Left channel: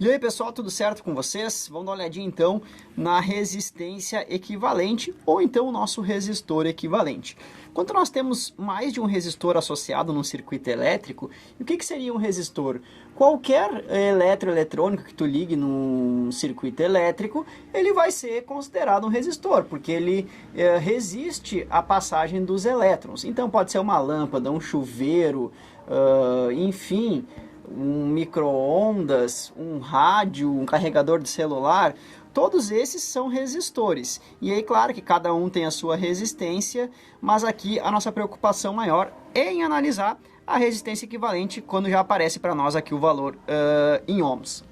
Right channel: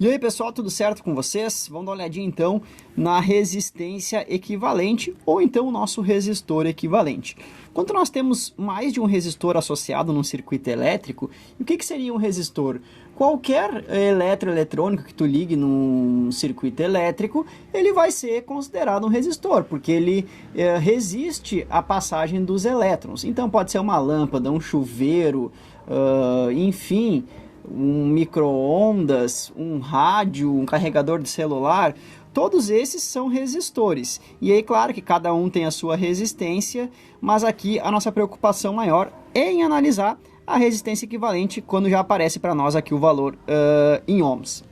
E aí pessoal, tudo certo com vocês? Vamos dar uma olhadinha então na resistência equivalente ou então o nosso resistor equivalente. Quando nós temos mais de um resistor associado num circuito elétrico, o que seria um resistor? Qualquer eletroeletrônico que tu ligue num circuito elétrico, ele vai ser considerado um resistor, porque ele resiste à passagem dos elétrons. Então pode ser uma lâmpada, um chuveiro, enfim, um micro-ondas, um rádio, um carregador de celular, todos esses são resistores. E aí, claro que cada um tem a sua resistência, mas aqui a nossa preocupação maior é em analisar a resistência equivalente quando já aparece para nós aqui o valor em ohms.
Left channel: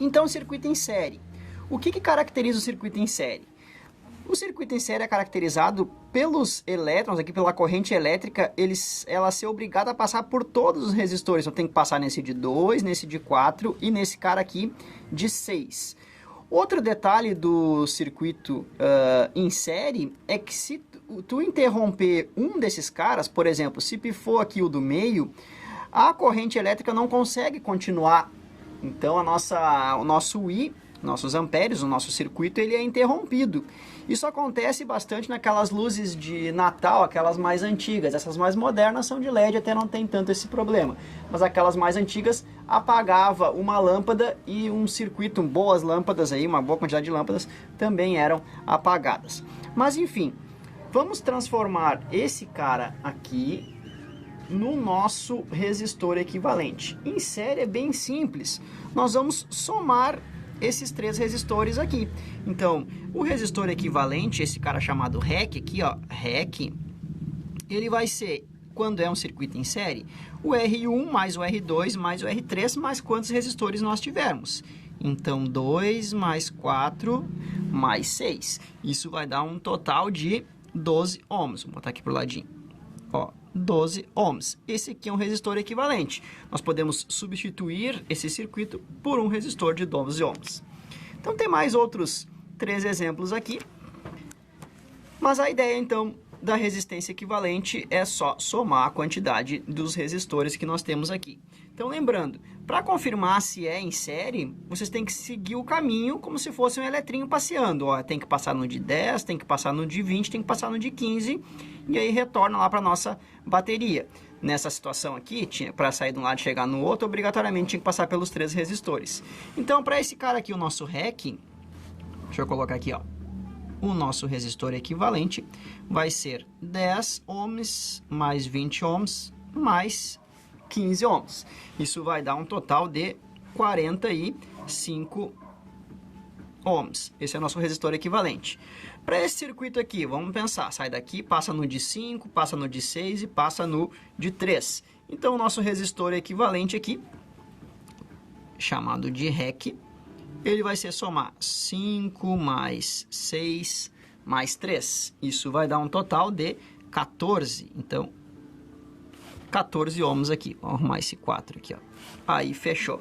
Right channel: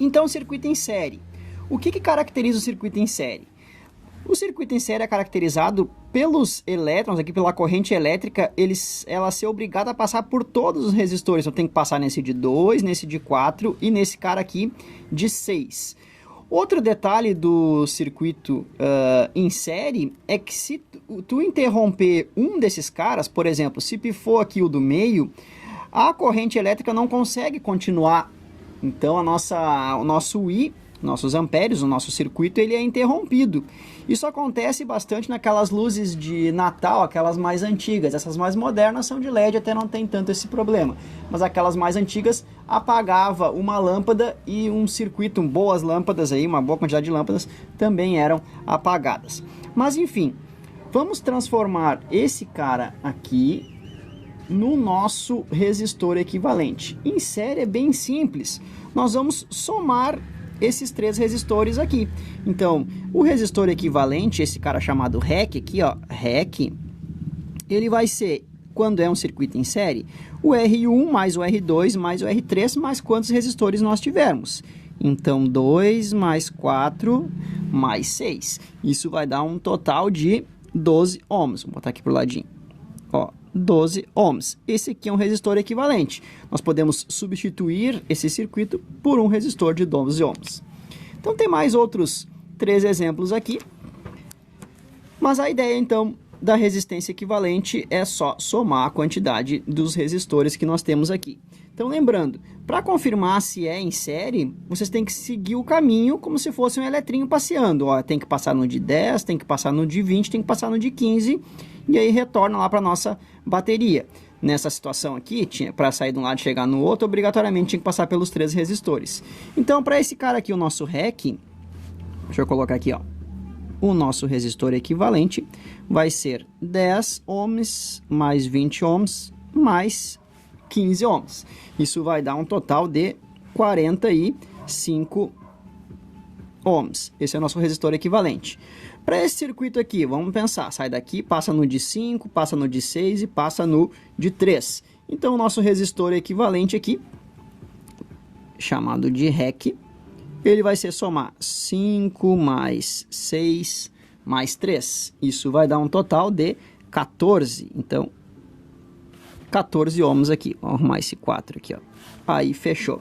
Então, circuito em série. O que caracteriza o circuito em série? O circuito em série é caracterizado pelos elétrons, aqui pela corrente elétrica, ela ser obrigada a passar por todos os resistores. Então tem que passar nesse de 2, nesse de 4 e nesse cara aqui de 6. Outro detalhe do circuito em série é que se tu interromper um desses caras, por exemplo, se pifou aqui o do meio, a corrente elétrica não consegue continuar. Então o nosso I, nossos amperes, o nosso circuito, ele é interrompido. Isso acontece bastante naquelas luzes de Natal, aquelas mais antigas. Essas mais modernas são de LED, até não tem tanto esse problema. Mas aquelas mais antigas apagava uma lâmpada e um circuito, boas lâmpadas aí, uma boa quantidade de lâmpadas também eram apagadas. Mas enfim, vamos transformar esse cara aqui no nosso resistor equivalente. Em série é bem simples. Nós vamos somar esses três resistores aqui. Então, o resistor equivalente, esse cara chamado REC aqui, ó, REC, ele vai ser, quando é um circuito em série, o R1 mais o R2 mais o R3 mais quantos resistores nós tivermos. Então, 2 mais 4 mais 6. Isso vai dar um total de 12 ohms. Vou botar aqui pro ladinho. Ó, 12 ohms. Esse aqui é um resistor equivalente. Nós podemos substituir esse circuito por um resistor de 12 ohms. Então tem mais outros 3 exemplos aqui. Mas a ideia então da resistência equivalente é só somar a quantidade dos resistores que nós temos aqui. Então lembrando, para confirmar se é em série, vocês têm que seguir o caminho como se fosse um eletrinho passeando. Ó, tem que passar no de 10, tem que passar no de 20, tem que passar no de 15 e aí retorna lá para a nossa bateria. Nessa situação aqui, para sair de um lado e chegar no outro, obrigatoriamente tinha que passar pelos 3 resistores. Então, para esse cara aqui, o nosso REC, deixa eu colocar aqui, ó, o nosso resistor equivalente vai ser 10 ohms mais 20 ohms mais 15 ohms. Isso vai dar um total de 45 ohms. Esse é o nosso resistor equivalente. Para esse circuito aqui, vamos pensar, sai daqui, passa no de 5, passa no de 6 e passa no de 3. Então, o nosso resistor equivalente aqui, chamado de REC, ele vai ser somar 5 mais 6 mais 3. Isso vai dar um total de 14. Então, 14 ohms aqui. Vamos arrumar esse 4 aqui, ó. Aí, fechou.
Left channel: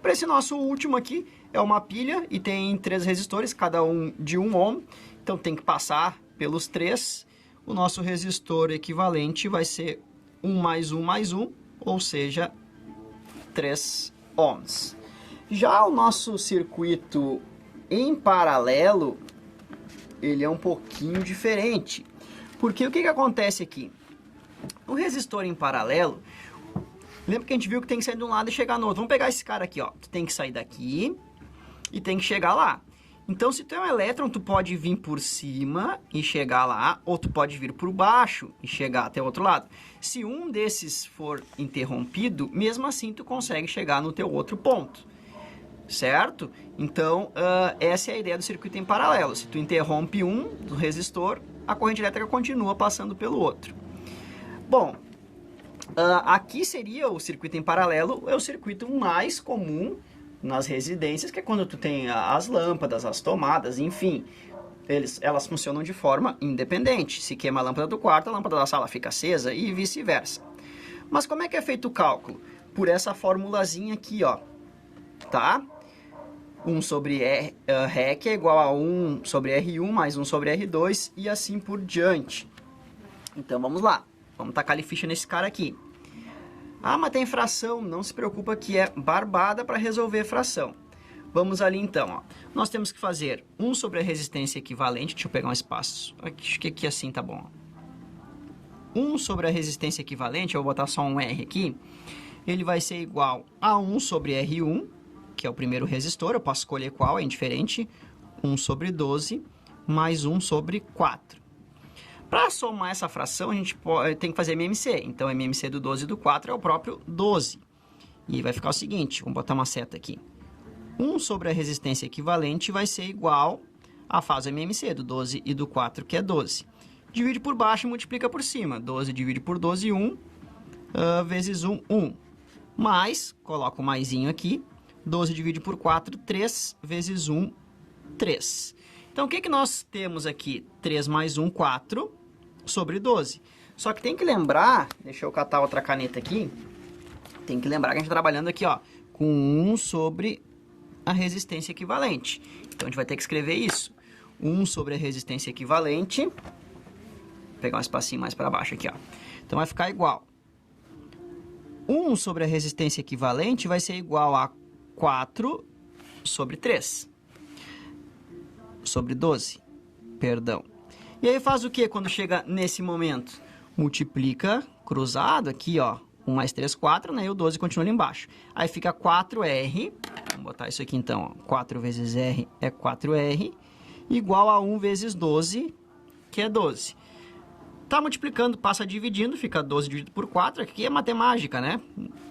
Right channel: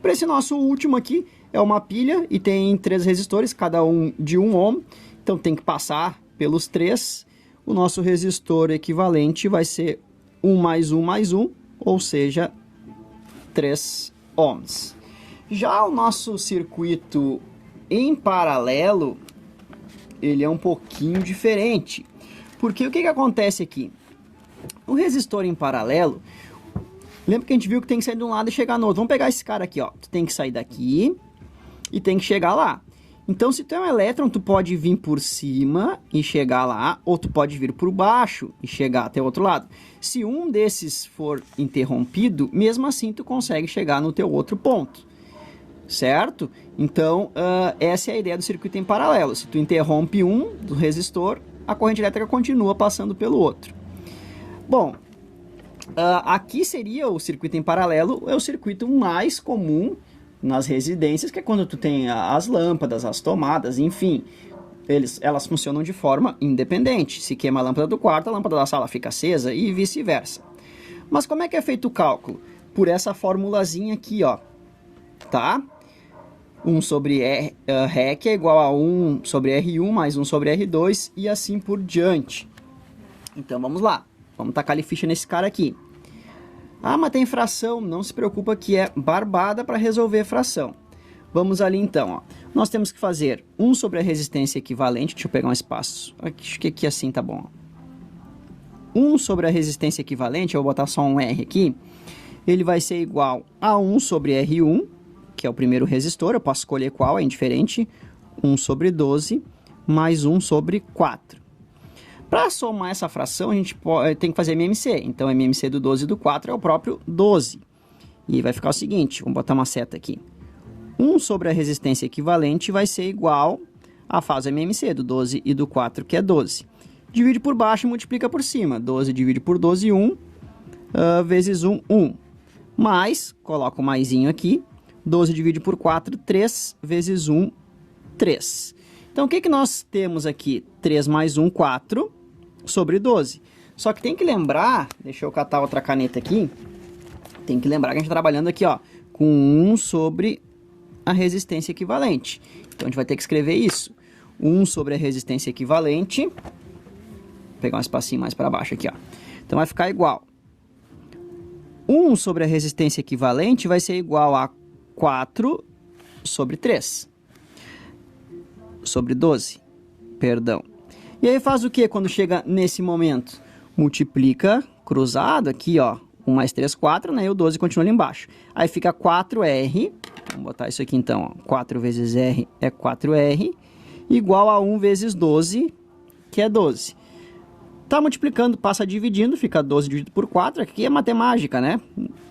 Para esse nosso último aqui, é uma pilha e tem 3 resistores, cada um de 1 ohm. Então, tem que passar pelos 3. O nosso resistor equivalente vai ser 1 mais 1 mais 1, ou seja, 3 ohms. Já o nosso circuito em paralelo, ele é um pouquinho diferente. Porque o que acontece aqui? O resistor em paralelo, lembra que a gente viu que tem que sair de um lado e chegar no outro. Vamos pegar esse cara aqui, ó. Tu tem que sair daqui e tem que chegar lá. Então, se tu é um elétron, tu pode vir por cima e chegar lá, ou tu pode vir por baixo e chegar até o outro lado. Se um desses for interrompido, mesmo assim tu consegue chegar no teu outro ponto, certo? Então, essa é a ideia do circuito em paralelo. Se tu interrompe um do resistor, a corrente elétrica continua passando pelo outro. Bom, aqui seria o circuito em paralelo, é o circuito mais comum nas residências, que é quando tu tem as lâmpadas, as tomadas, enfim, elas funcionam de forma independente. Se queima a lâmpada do quarto, a lâmpada da sala fica acesa e vice-versa. Mas como é que é feito o cálculo? Por essa formulazinha aqui, ó, tá? 1 sobre REC é igual a 1 sobre R1 mais 1 sobre R2 e assim por diante. Então, vamos lá. Vamos tacar ali ficha nesse cara aqui. Ah, mas tem fração. Não se preocupa que é barbada para resolver fração. Vamos ali então, ó. Nós temos que fazer 1 sobre a resistência equivalente. Deixa eu pegar um espaço. Acho que aqui assim tá bom. 1 sobre a resistência equivalente, eu vou botar só um R aqui. Ele vai ser igual a 1 sobre R1, que é o primeiro resistor. Eu posso escolher qual, é indiferente. 1 sobre 12 mais 1 sobre 4. Para somar essa fração, a gente tem que fazer MMC. Então, MMC do 12 e do 4 é o próprio 12. E vai ficar o seguinte, vamos botar uma seta aqui. 1 sobre a resistência equivalente vai ser igual a fase MMC do 12 e do 4, que é 12. Divide por baixo e multiplica por cima. 12 divide por 12, 1, vezes 1, 1. Mais, coloca o maisinho aqui, 12 divide por 4, 3, vezes 1, 3. Então, o que nós temos aqui? 3 mais 1, 4, sobre 12. Só que tem que lembrar, deixa eu catar outra caneta aqui, tem que lembrar que a gente está trabalhando aqui, ó, com 1 sobre a resistência equivalente. Então, a gente vai ter que escrever isso. 1 sobre a resistência equivalente, vou pegar um espacinho mais para baixo aqui, ó. Então, vai ficar igual. 1 sobre a resistência equivalente vai ser igual a 4 sobre 3. Sobre 12, perdão. E aí faz o que quando chega nesse momento? Multiplica cruzado aqui, ó. 1 mais 3, 4, né? E o 12 continua ali embaixo. Aí fica 4R, vamos botar isso aqui então, ó. 4 vezes R é 4R, igual a 1 vezes 12, que é 12. Tá multiplicando, passa dividindo, fica 12 dividido por 4, aqui é matemática, né?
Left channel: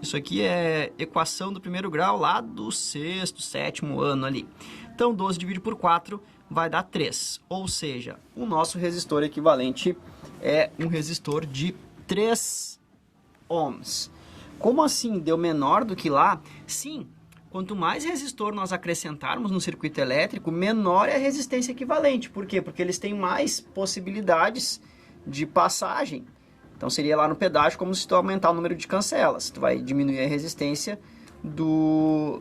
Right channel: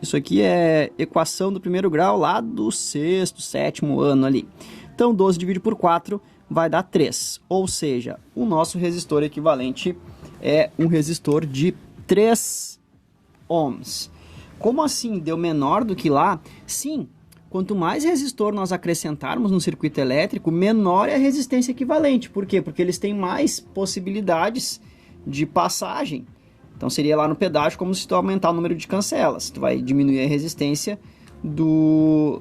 Isso aqui é equação do primeiro grau lá do sexto, sétimo ano ali. Então, 12 dividido por 4 vai dar 3, ou seja, o nosso resistor equivalente é um resistor de 3 ohms. Como assim? Deu menor do que lá? Sim, quanto mais resistor nós acrescentarmos no circuito elétrico, menor é a resistência equivalente. Por quê? Porque eles têm mais possibilidades de passagem. Então, seria lá no pedágio como se tu aumentar o número de cancelas. Tu vai diminuir a resistência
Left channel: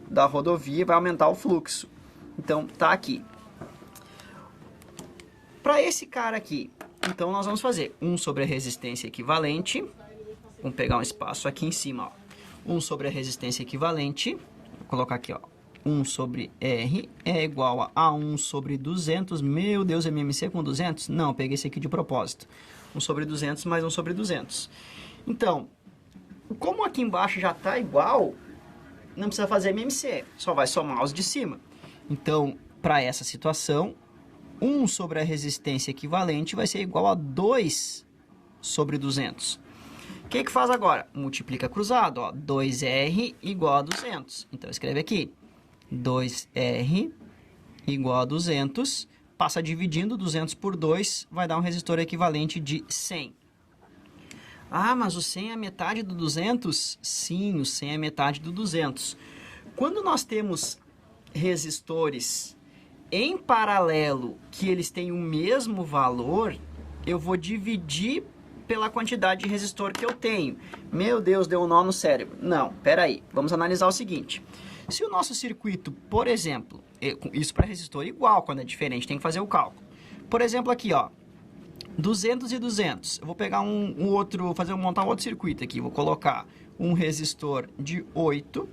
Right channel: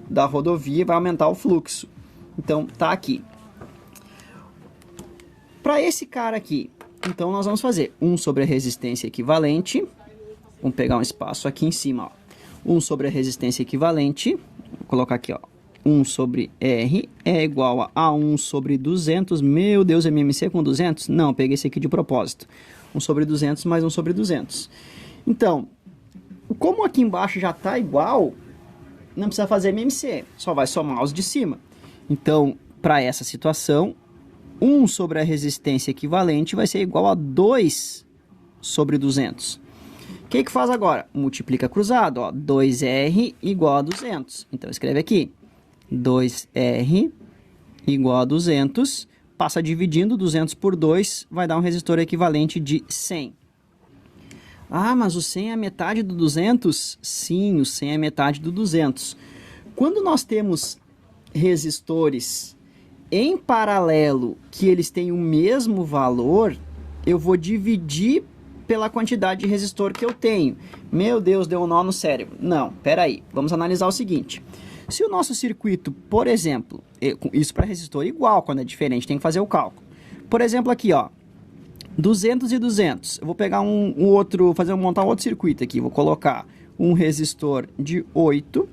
da rodovia e vai aumentar o fluxo. Então, tá aqui. Para esse cara aqui, então nós vamos fazer 1 sobre a resistência equivalente. Vamos pegar um espaço aqui em cima, ó. 1 sobre a resistência equivalente. Vou colocar aqui, ó. 1 sobre R é igual a 1 sobre 200. Meu Deus, MMC com 200? Não, peguei esse aqui de propósito. 1 sobre 200 mais 1 sobre 200. Então, como aqui embaixo já está igual, não precisa fazer MMC, só vai somar os de cima. Então, para essa situação, 1 sobre a resistência equivalente vai ser igual a 2 sobre 200. O que faz agora? Multiplica cruzado, ó, 2R igual a 200. Então, escreve aqui, 2R igual a 200, passa dividindo 200 por 2, vai dar um resistor equivalente de 100. Ah, mas o 100 é a metade do 200? Sim, o 100 é a metade do 200. Quando nós temos resistores em paralelo que eles têm o mesmo valor, eu vou dividir pela quantidade de resistor que eu tenho. Meu Deus, deu um nó no cérebro. Não, peraí, vamos analisar o seguinte. Se o nosso circuito, por exemplo, isso para resistor igual, quando é diferente, tem que fazer o cálculo. Por exemplo, aqui, ó, 200 e 200. Eu vou pegar montar um outro circuito aqui. Vou colocar um resistor de 8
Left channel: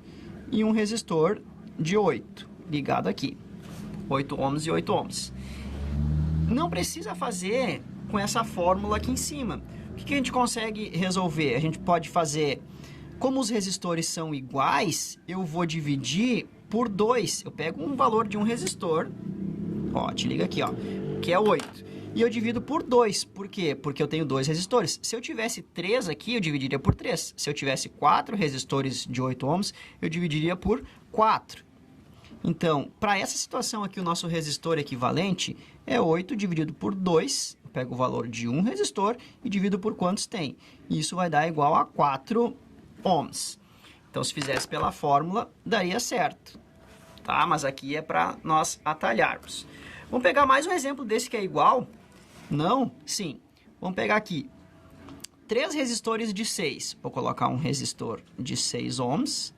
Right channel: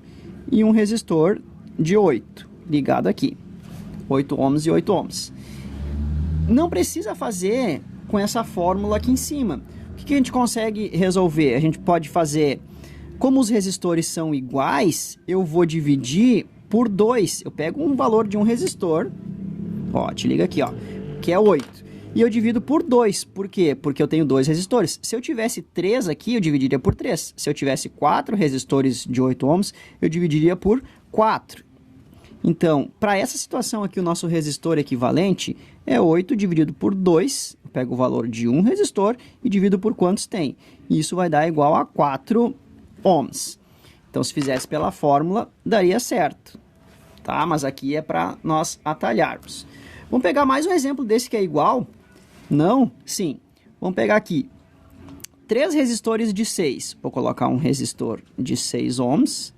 e um resistor de 8, ligado aqui. 8 ohms e 8 ohms. Não precisa fazer com essa fórmula aqui em cima. O que a gente consegue resolver? A gente pode fazer, como os resistores são iguais, eu vou dividir por 2. Eu pego um valor de um resistor, ó, te liga aqui, ó, que é 8. E eu divido por 2. Por quê? Porque eu tenho 2 resistores. Se eu tivesse 3 aqui, eu dividiria por 3. Se eu tivesse 4 resistores de 8 ohms, eu dividiria por 4. Então, para essa situação aqui, o nosso resistor equivalente é 8 dividido por 2. Eu pego o valor de um resistor e divido por quantos tem. E isso vai dar igual a 4 ohms. Então, se fizesse pela fórmula, daria certo. Tá? Mas aqui é para nós atalharmos. Vamos pegar mais um exemplo desse que é igual? Não? Sim. Vamos pegar aqui 3 resistores de 6. Vou colocar um resistor de 6 ohms,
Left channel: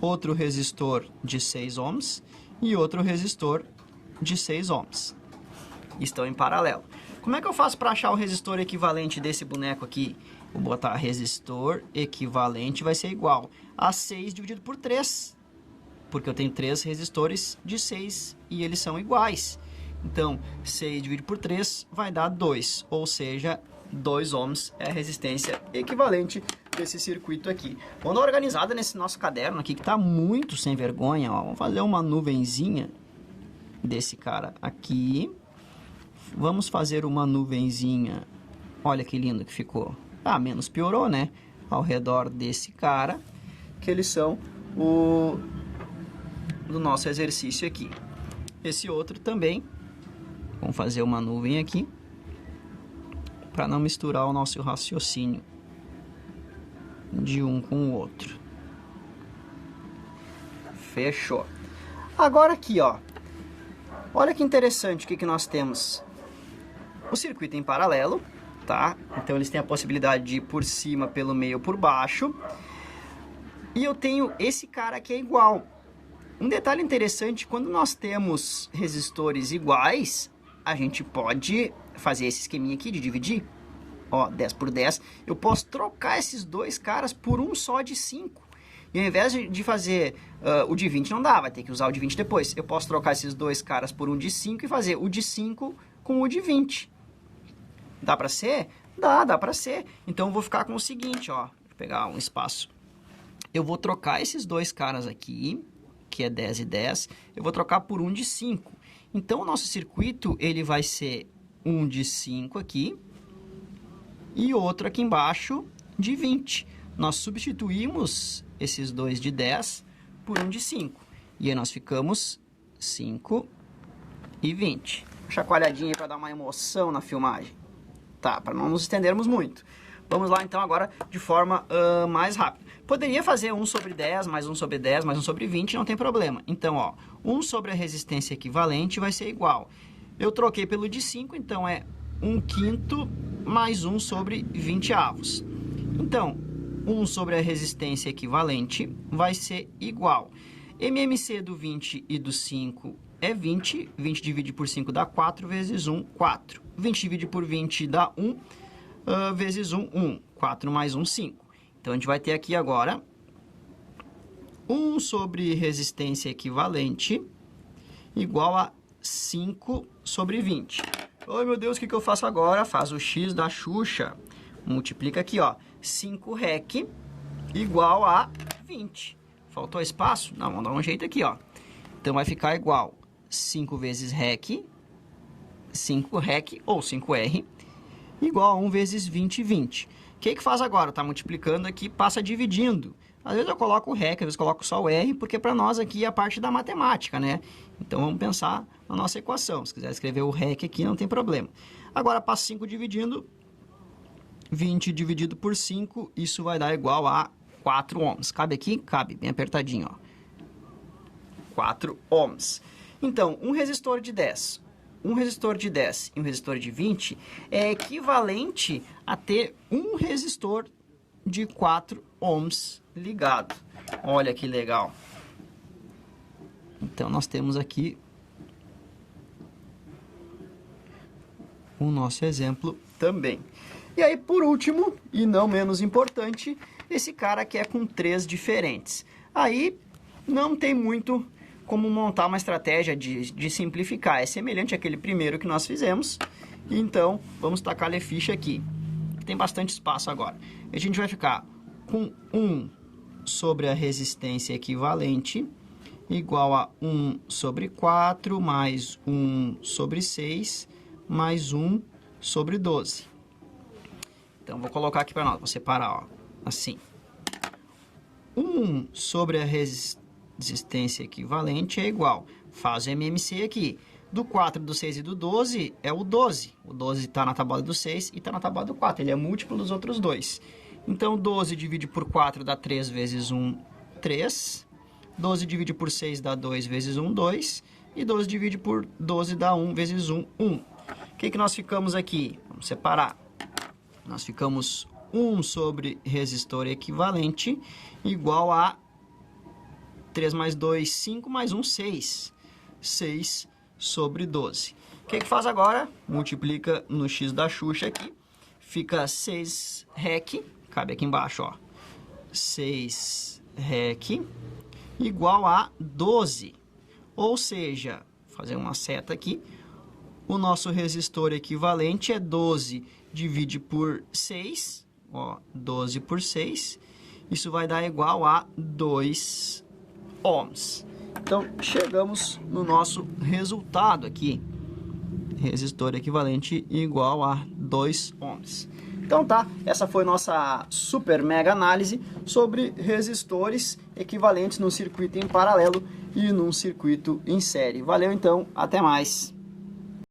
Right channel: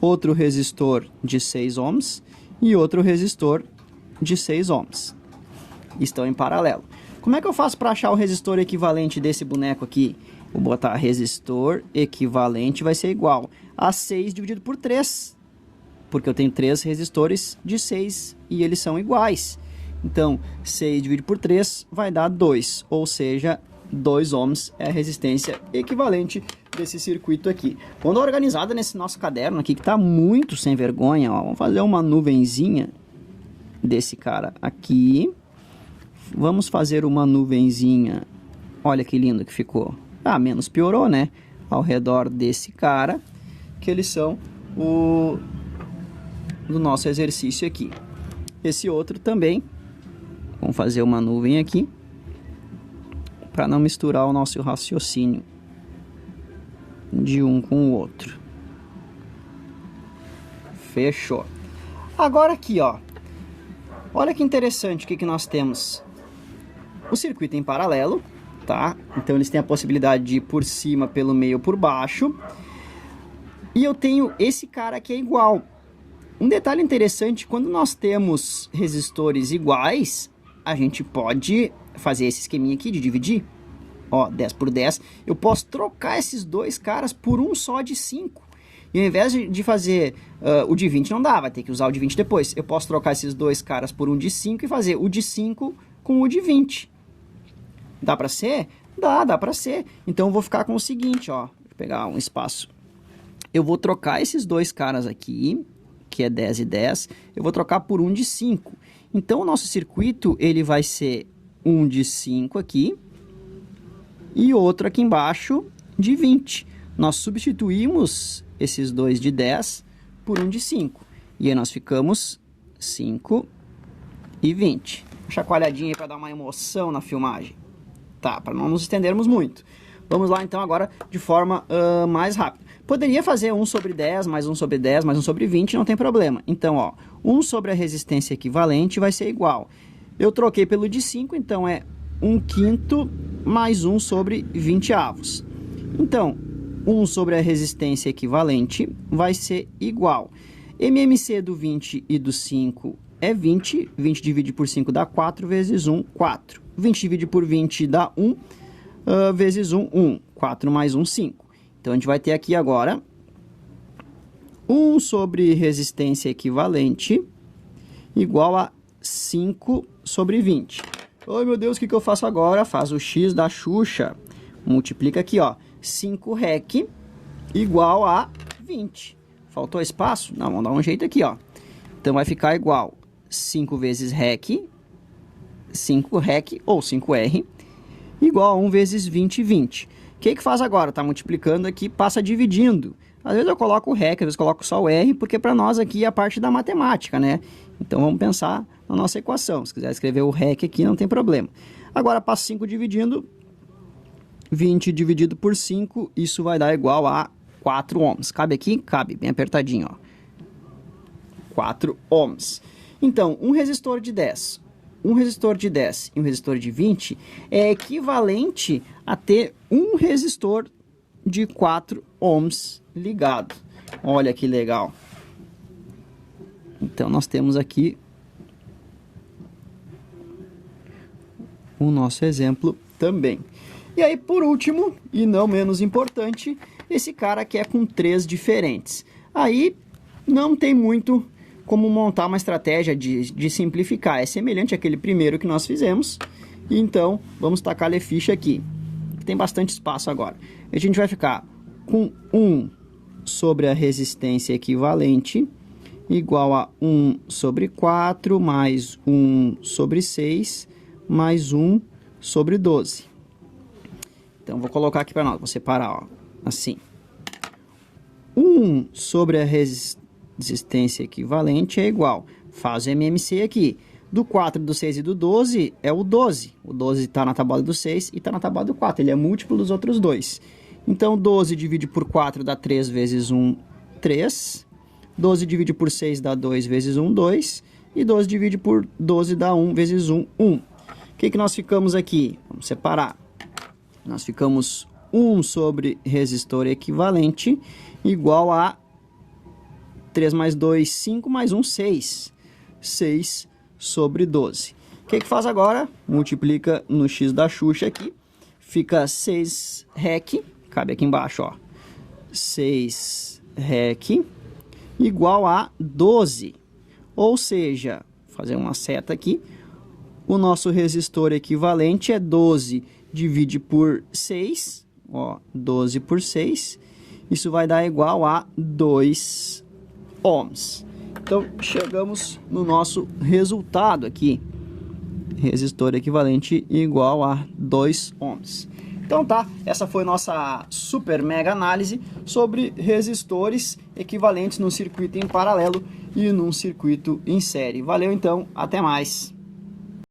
outro resistor de 6 ohms e outro resistor de 6 ohms. Estão em paralelo. Como é que eu faço para achar o resistor equivalente desse boneco aqui? Vou botar resistor equivalente, vai ser igual a 6 dividido por 3. porque eu tenho 3 resistores de 6 e eles são iguais. Então, 6 dividido por 3 vai dar 2, ou seja, 2 ohms é a resistência equivalente desse circuito aqui. Vamos dar uma organizada nesse nosso caderno aqui, que está muito sem vergonha. Ó. Vamos fazer uma nuvenzinha desse cara aqui. Vamos fazer uma nuvenzinha, olha que lindo que ficou. Ah, menos piorou, né? Ao redor desse cara, que eles são do nosso exercício aqui. Esse outro também. Vamos fazer uma nuvem aqui, para não misturar o nosso raciocínio de um com o outro. Fechou. Agora aqui, ó. Olha que interessante o que nós temos. O circuito em paralelo, tá? Então eles têm a possibilidade de ir por cima, pelo meio ou por baixo. E eu tenho esse cara aqui é igual. Um detalhe interessante, quando nós temos resistores iguais, a gente pode fazer esse esqueminha aqui de dividir. Ó, 10 por 10. Eu posso trocar esses dois caras por um só de 5. E ao invés de fazer o de 20 não dá, vai ter que usar o de 20 depois. Eu posso trocar esses dois caras por um de 5 e fazer o de 5 com o de 20. Dá pra ser? Dá pra ser. Então eu vou ficar com o seguinte, ó. Vou pegar um espaço. Eu vou trocar esses dois caras aqui, que é 10 e 10. Eu vou trocar por um de 5. Então o nosso circuito, ele vai ser um de 5 aqui. E outro aqui embaixo de 20. Nós substituímos esses dois de 10 por um de 5. E aí nós ficamos 5 e 20. Chacoalhadinha aí para dar uma emoção na filmagem. Tá, para não nos estendermos muito. Vamos lá então agora de forma mais rápida. Poderia fazer 1 sobre 10, mais 1 sobre 10, mais 1 sobre 20, não tem problema. Então, ó, 1 sobre a resistência equivalente vai ser igual. Eu troquei pelo de 5, então é 1/5 mais 1 sobre 20 avos. Então, 1 sobre a resistência equivalente vai ser igual. MMC do 20 e do 5 é 20. 20 dividido por 5 dá 4, vezes 1, 4. 20 dividido por 20 dá 1, vezes 1, 1. 4 mais 1, 5. Então, a gente vai ter aqui agora 1 sobre resistência equivalente igual a 5 sobre 20. Ai, meu Deus, o que eu faço agora? Faz o x da Xuxa. Multiplica aqui, ó. 5 rec igual a 20. Faltou espaço? Não, vamos dar um jeito aqui, ó. Então, vai ficar igual 5 vezes rec, 5 rec ou 5R, igual a 1 vezes 20, 20. O que faz agora? Tá multiplicando aqui, passa dividindo. Às vezes eu coloco o rec, às vezes coloco só o R, porque para nós aqui é a parte da matemática, né? Então, vamos pensar na nossa equação. Se quiser escrever o rec aqui, não tem problema. Agora, passo 5 dividindo. 20 dividido por 5, isso vai dar igual a 4 ohms. Cabe aqui? Cabe, bem apertadinho, ó. 4 ohms. Então, um resistor de 10, um resistor de 10 e um resistor de 20 é equivalente a ter um resistor de 4 ohms ligado. Olha que legal. Então, nós temos aqui o nosso exemplo também. E aí, por último, e não menos importante, esse cara que é com 3 diferentes. Aí, não tem muito como montar uma estratégia de simplificar. É semelhante àquele primeiro que nós fizemos. Então, vamos tacar a ficha aqui. Tem bastante espaço agora. A gente vai ficar com 1 sobre a resistência equivalente igual a 1 sobre 4 mais 1 sobre 6 mais 1 sobre 12. Então, vou colocar aqui para nós. Vou separar, ó, assim. 1 sobre a resistência equivalente é igual. Faz o MMC aqui. Do 4, do 6 e do 12 é o 12. O 12 está na tabuada do 6 e está na tabuada do 4. Ele é múltiplo dos outros dois. Então, 12 divide por 4 dá 3 vezes 1, 3. 12 divide por 6 dá 2 vezes 1, 2. E 12 divide por 12 dá 1 vezes 1, 1. O que nós ficamos aqui? Vamos separar. Nós ficamos 1 sobre resistor equivalente igual a 3 mais 2, 5, mais 1, 6. 6 sobre 12. O que faz agora? Multiplica no x da Xuxa aqui. Fica 6 rec, cabe aqui embaixo, ó. 6 rec igual a 12. Ou seja, vou fazer uma seta aqui, o nosso resistor equivalente é 12 divide por 6, ó, 12 por 6, isso vai dar igual a 2 ohms. Então, chegamos no nosso resultado aqui, resistor equivalente igual a 2 ohms. Então tá, essa foi nossa super mega análise sobre resistores equivalentes num circuito em paralelo e num circuito em série. Valeu então, até mais!